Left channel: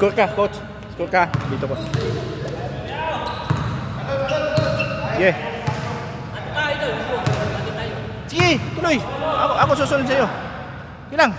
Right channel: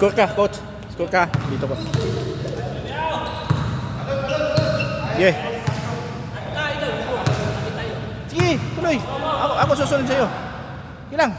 Score ka, coach. Score ka. Dito ko. Yeah. Sige, tuloy. Ako susunod sa'yo. Ilang?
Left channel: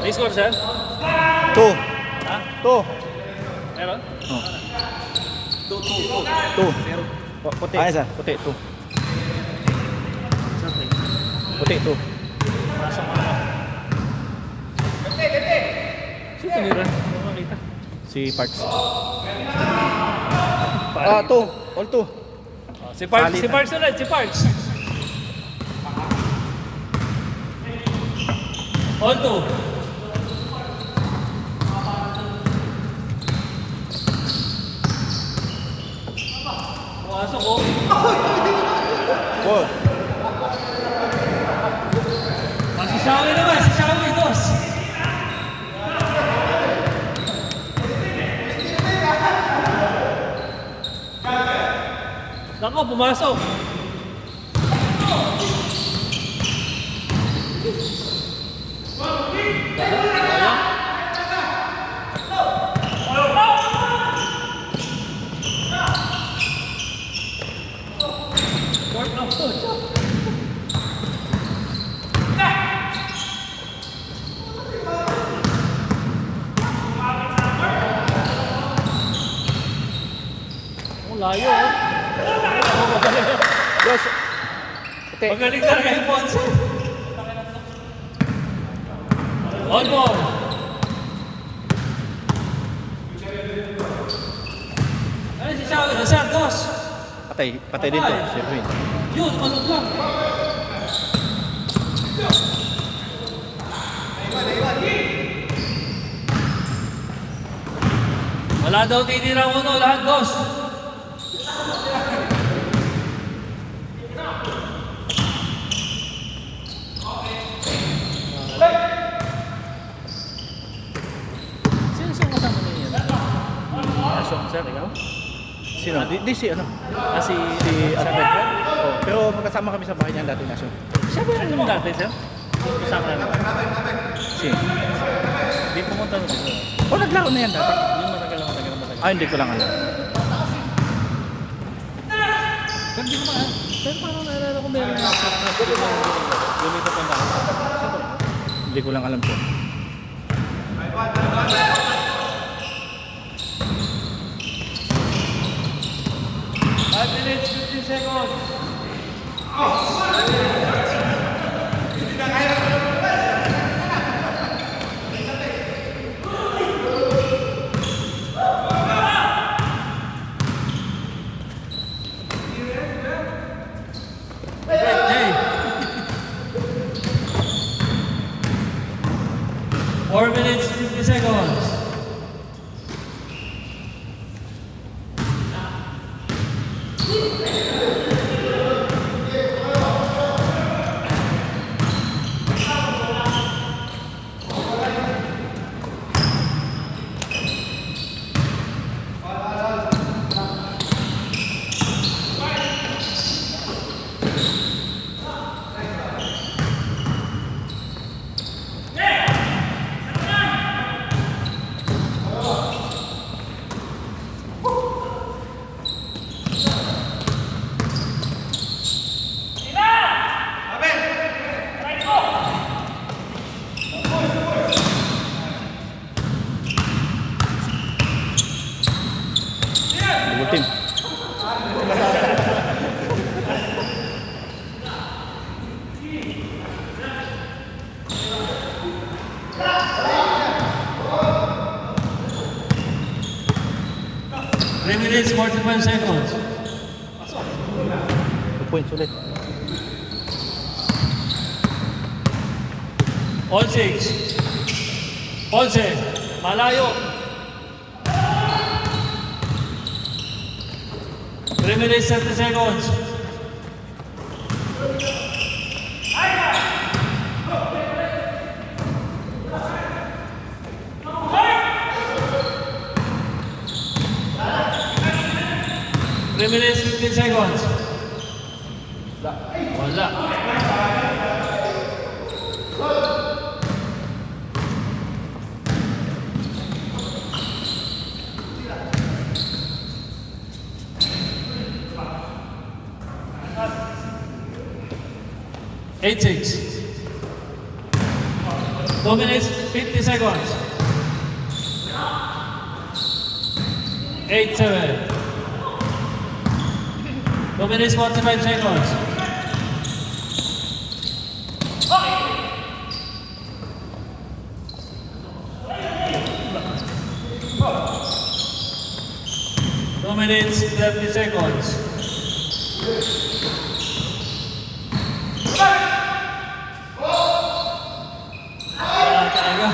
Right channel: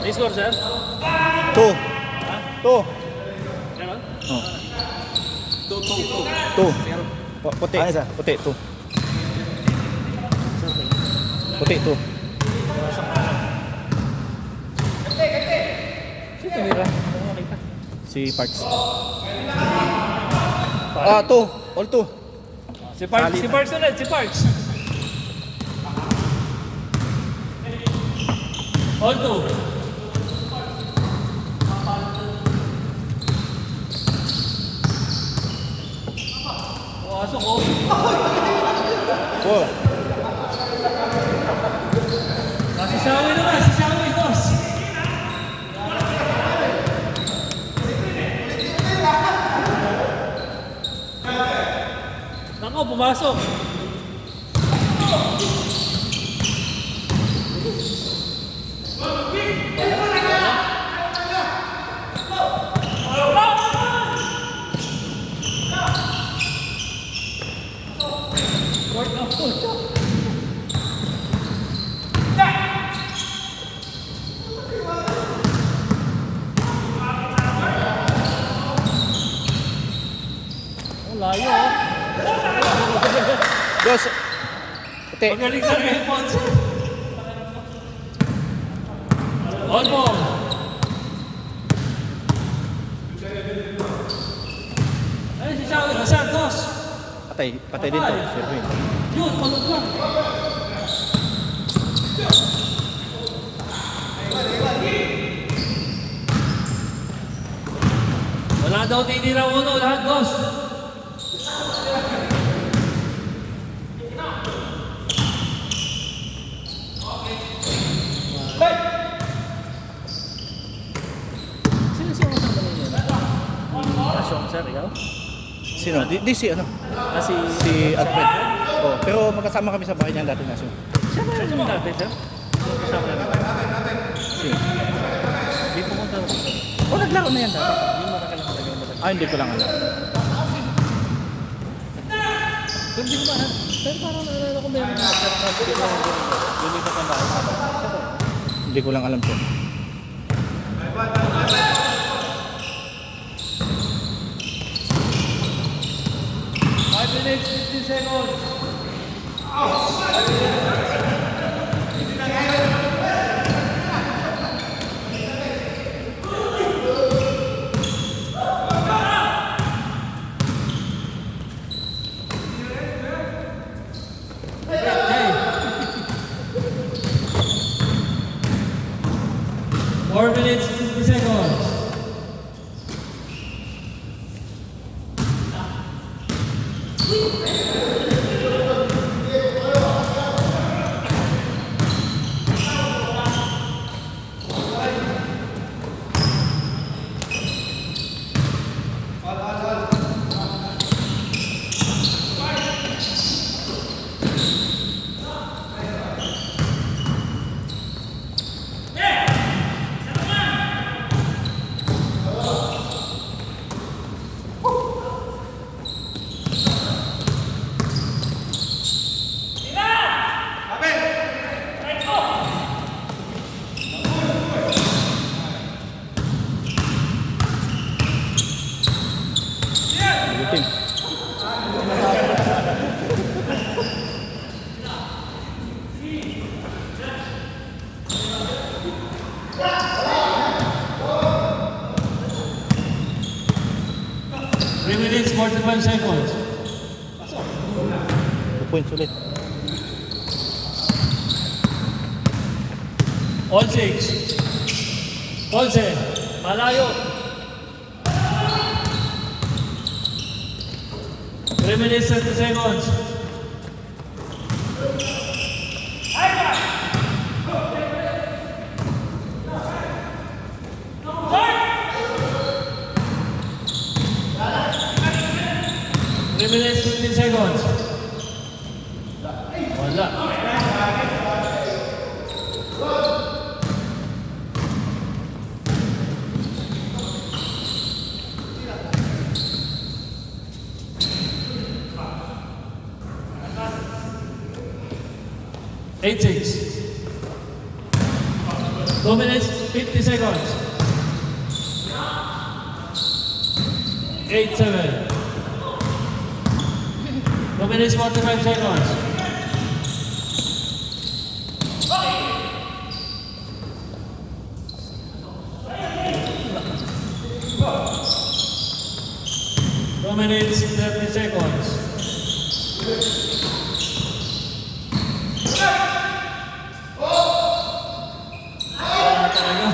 May score, sir? 2. 2. Meron? Oh. 2. Puti. Ano, sir? Puti, 2. Puti, 2. Sino tinira? Ano nakita? Si Parks. Ah, 2. All 2. Si Parks, Salit si na. Parks ulit, si Parks. All two. Pumasok ko. 4. Si Shawi naman, si Shawi, boss. Nako, pumasok. Work na po. Oh, layo ah. Yes. Puti. Magaling talaga yung Ponce. On ball. Ayun si Shawi, Santos. Patay din to. Siyempre. Yun, malog lang. Wala daw tinira uno, lahat dos. Sino kasama ninyo? Asong, sir, ikaw? Sino? Di si ano? Si Si Alfred. Oh, pero magkasama kami sa bahay niyan dati natin. Siya ba yung natin, sir? Kasama yan. Sino? Hindi pumunta na dito. Oh, naglaro na yan dati. Yung matagal. Ah, hindi ko lang alam. Pero di ko ba? Pero parang naalala ko meron na lumipat ang bahay. Hindi ko lang alam po. Minutes, 15 seconds. Hey. 4 minutes, 50 seconds. Team. Three minutes, 45 seconds. 2 points ulit. All six. Ponce, malayo. 3 minutes, 30 seconds. seconds. Wala. Eight, 6. 2 minutes, 50 seconds. 8, 7. 2 minutes, 45 seconds. Two minutes, 30 seconds. Wala talaga.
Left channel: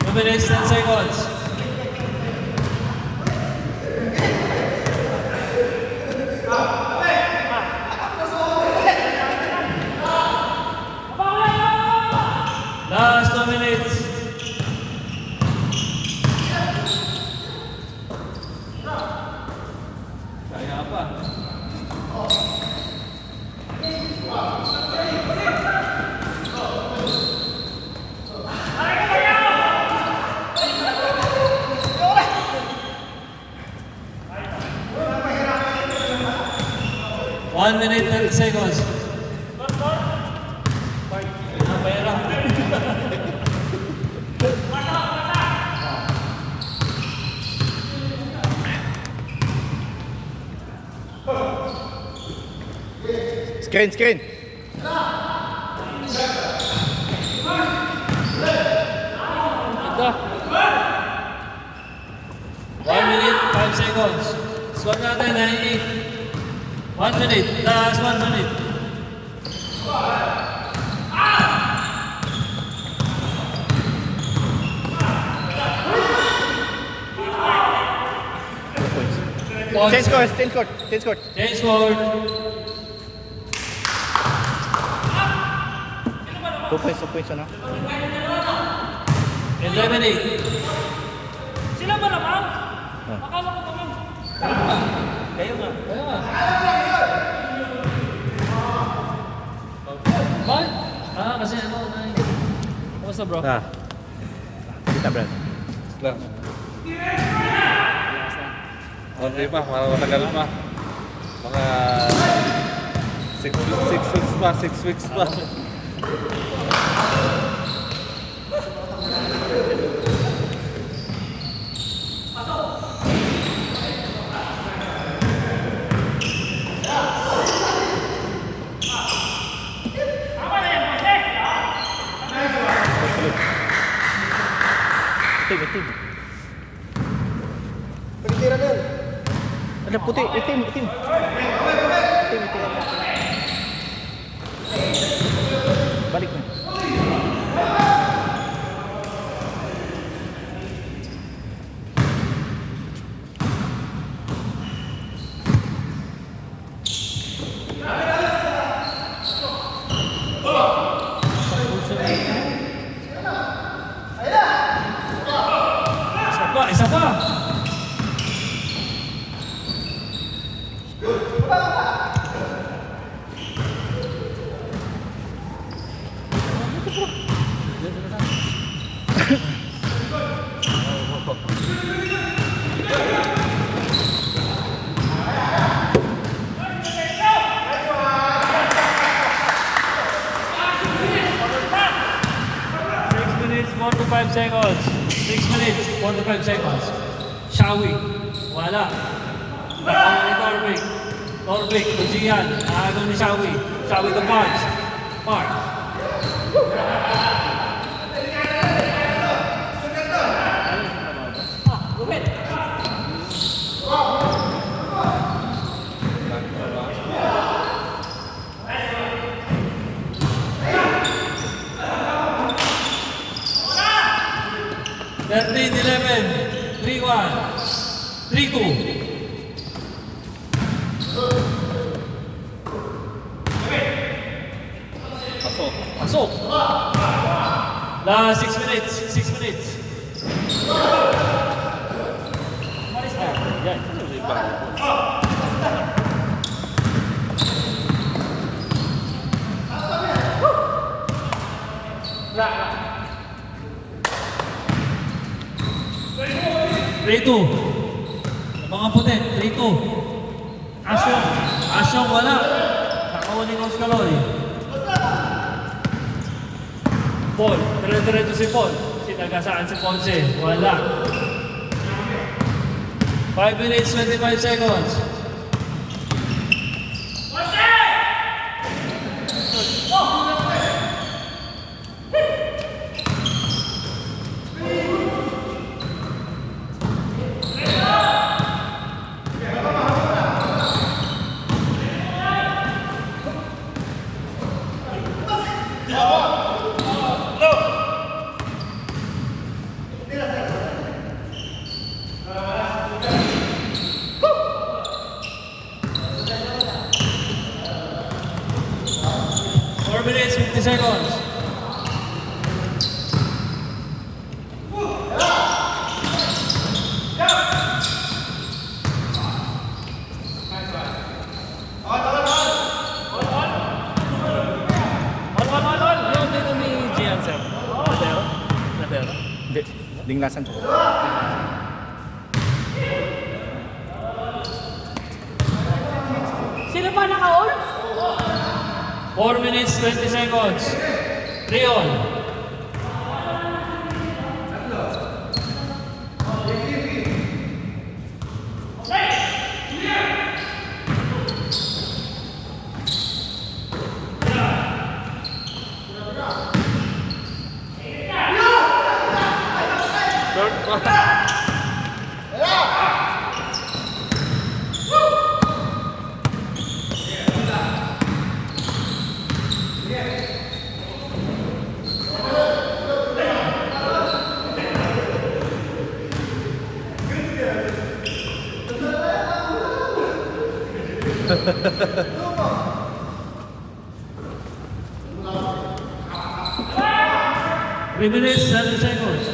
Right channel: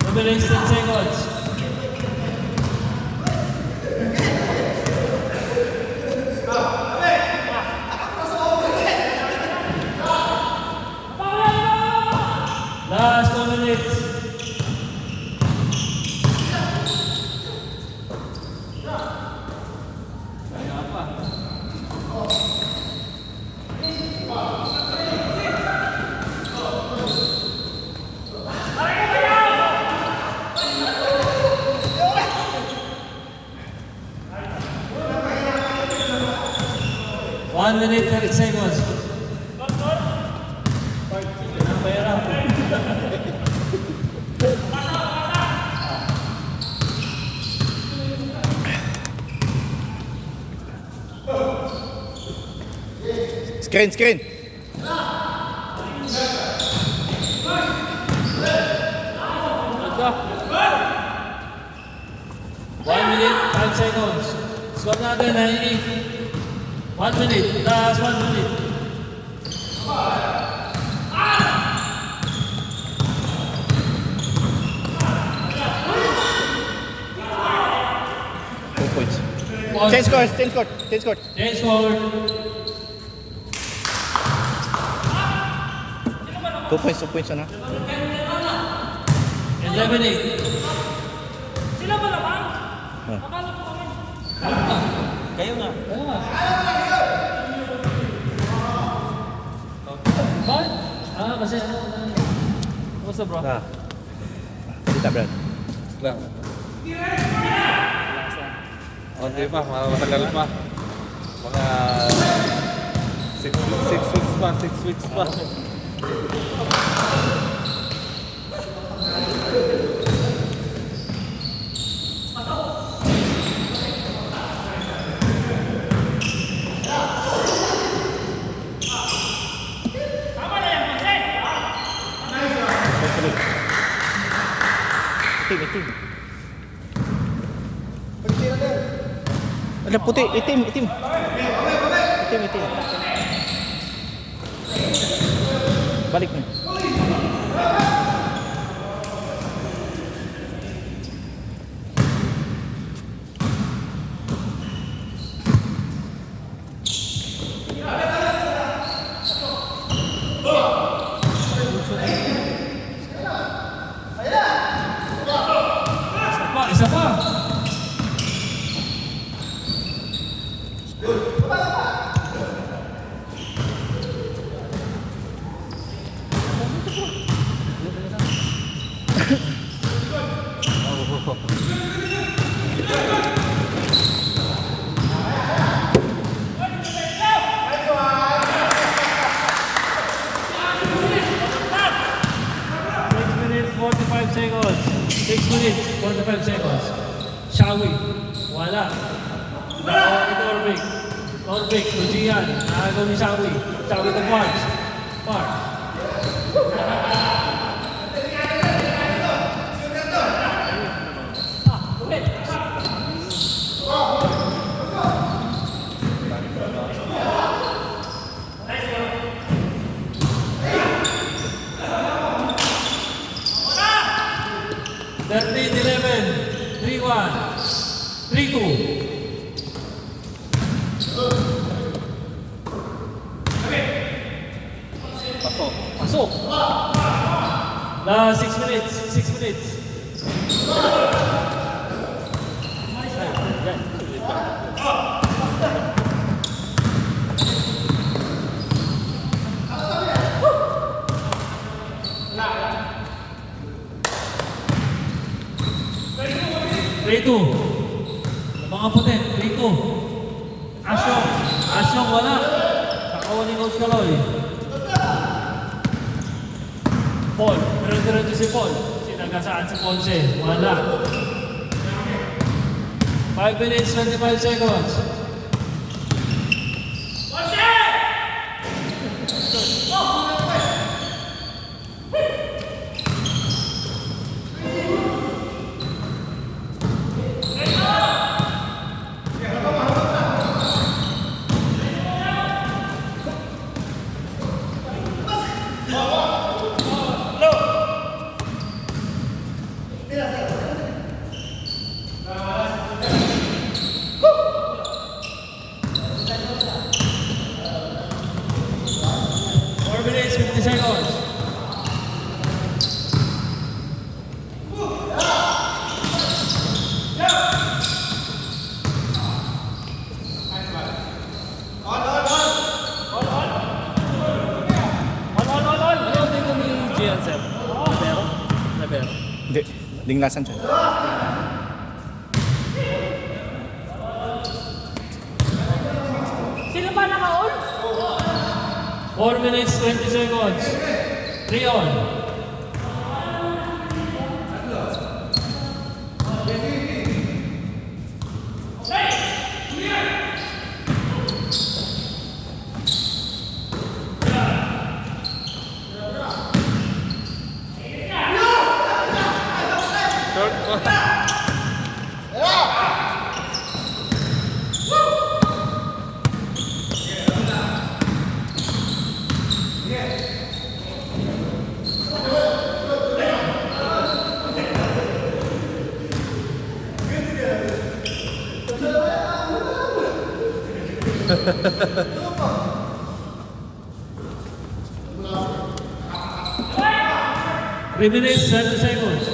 Two minutes, 10 seconds. Last 2 minutes. Kaya pa. One minute, 30 seconds. Pera. Screen, screen. Ito. 1 minute, 5 seconds. Score natin ay 1 minute. Last 1 minute. Points. Change court, change court, change court. Change score. 2 points, 2 points, ano? Eliminate. Sila ba naman? Oh. Akala ko kami. Kayo nga. Bakit? Kasi ano. Kamusta bro? Ah. Kita, Brad. Lang. Hindi pa, matagal pa. Mga 6 weeks pa, 6 weeks pa. Itim, itim. Ada putih, itim, itim. Itim, itim. Balik na. Isa pa. Minutes, 45 seconds. Shawi. Wala. Ito Orbik. Orbik, Lucian. Nakagaw ni Shawi. Shawi to Parks. Park. Thirteen, 11, 3-1, 3-2. Pasok. Pasok! Last 6 minutes. 6 minutes. Yan. Rebound. Rito. Mga puti. Rito. Asyong. Asyong wala. Nakauli ni Oscaloy. Paul. Dire-diretso si Paul. Sinagasaan si Ponce. Wala. 5 minutes, 25 seconds. Four minutes, 50 seconds. Hindi. Dinglasan siya. Sino ba naka-on? 4 minutes, 20 seconds. Leon. Third quarter. Three minutes, 30 seconds.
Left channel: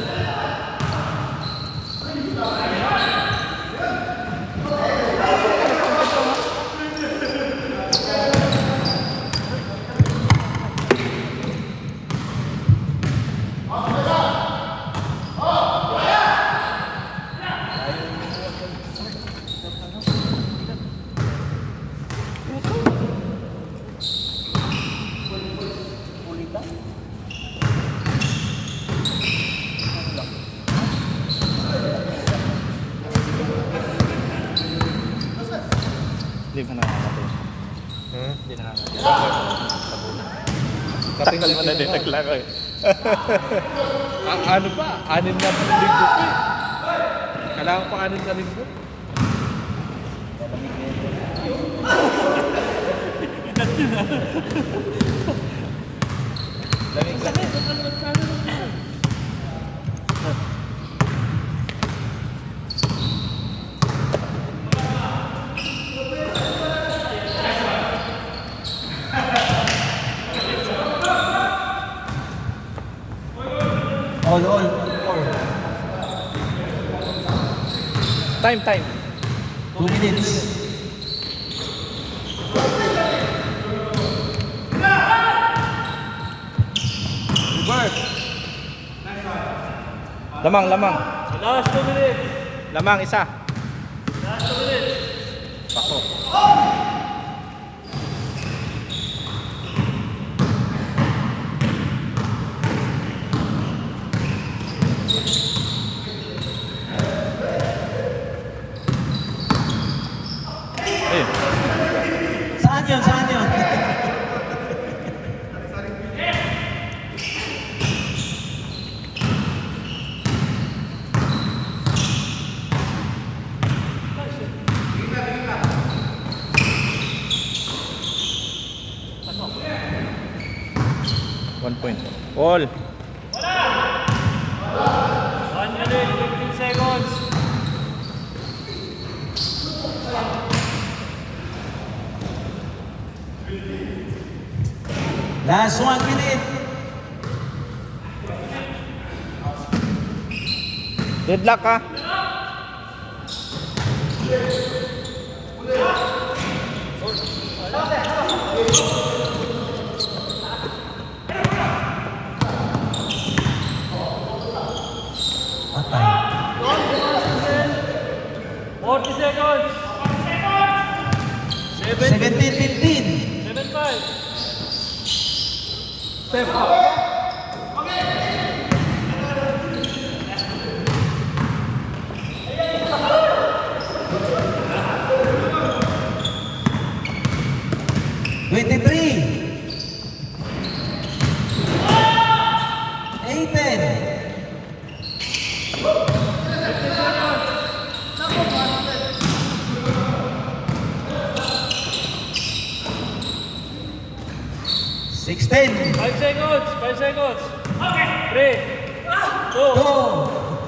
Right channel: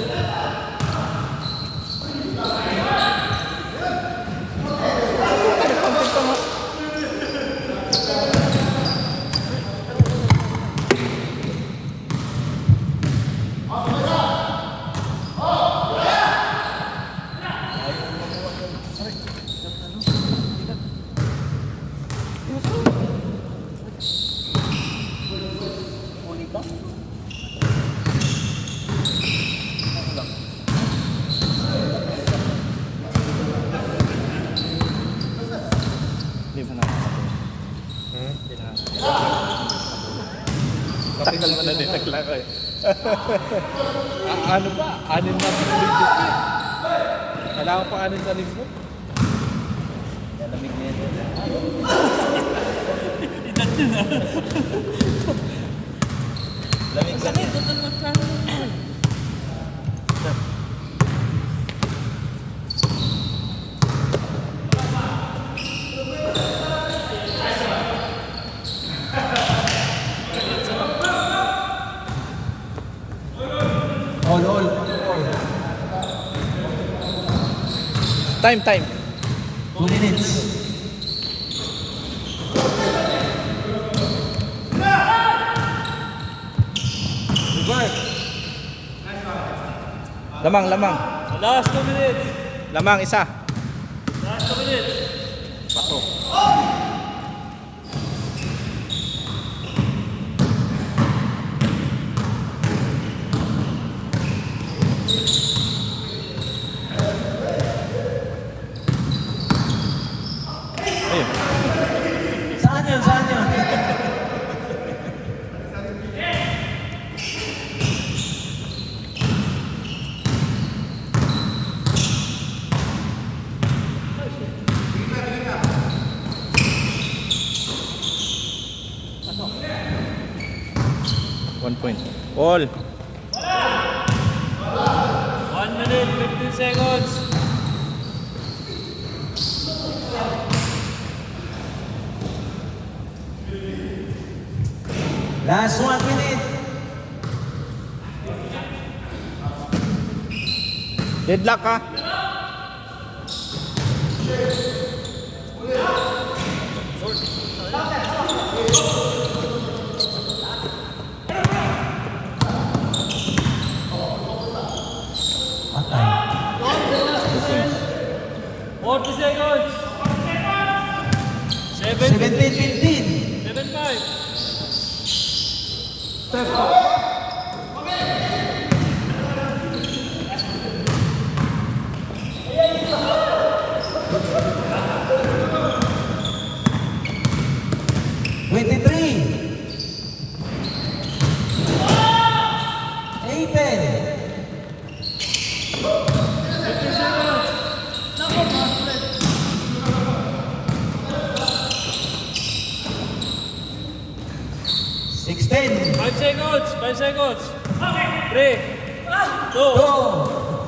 Leave na natin. Takal mo na din. Naglaro eh. Ang ano pa? 6 na sa linggo pa eh. Kailangan pa 6 na linggo. Lamig lang. All. Time. 2 minutes. Lamang. Last 2 minutes. Lamang, isa. Last 2 minutes. Ayun. Saan yun? One point. All. 1 minute, 15 seconds. Last 1 minute. Deadlock ha. Patay. 40 seconds. 17-15. 7-5. Step up. 23. 18. 16. 5 seconds. 5 seconds. 3, 2, 2.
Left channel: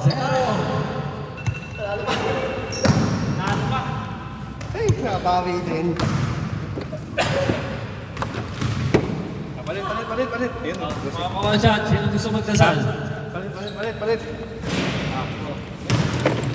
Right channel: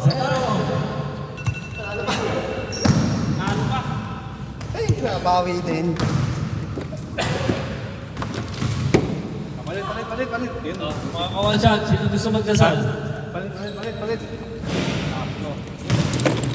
0. Ay, nakabawi din. Palit. Yun, oh. one shot. Sino gusto magdasal? Palit.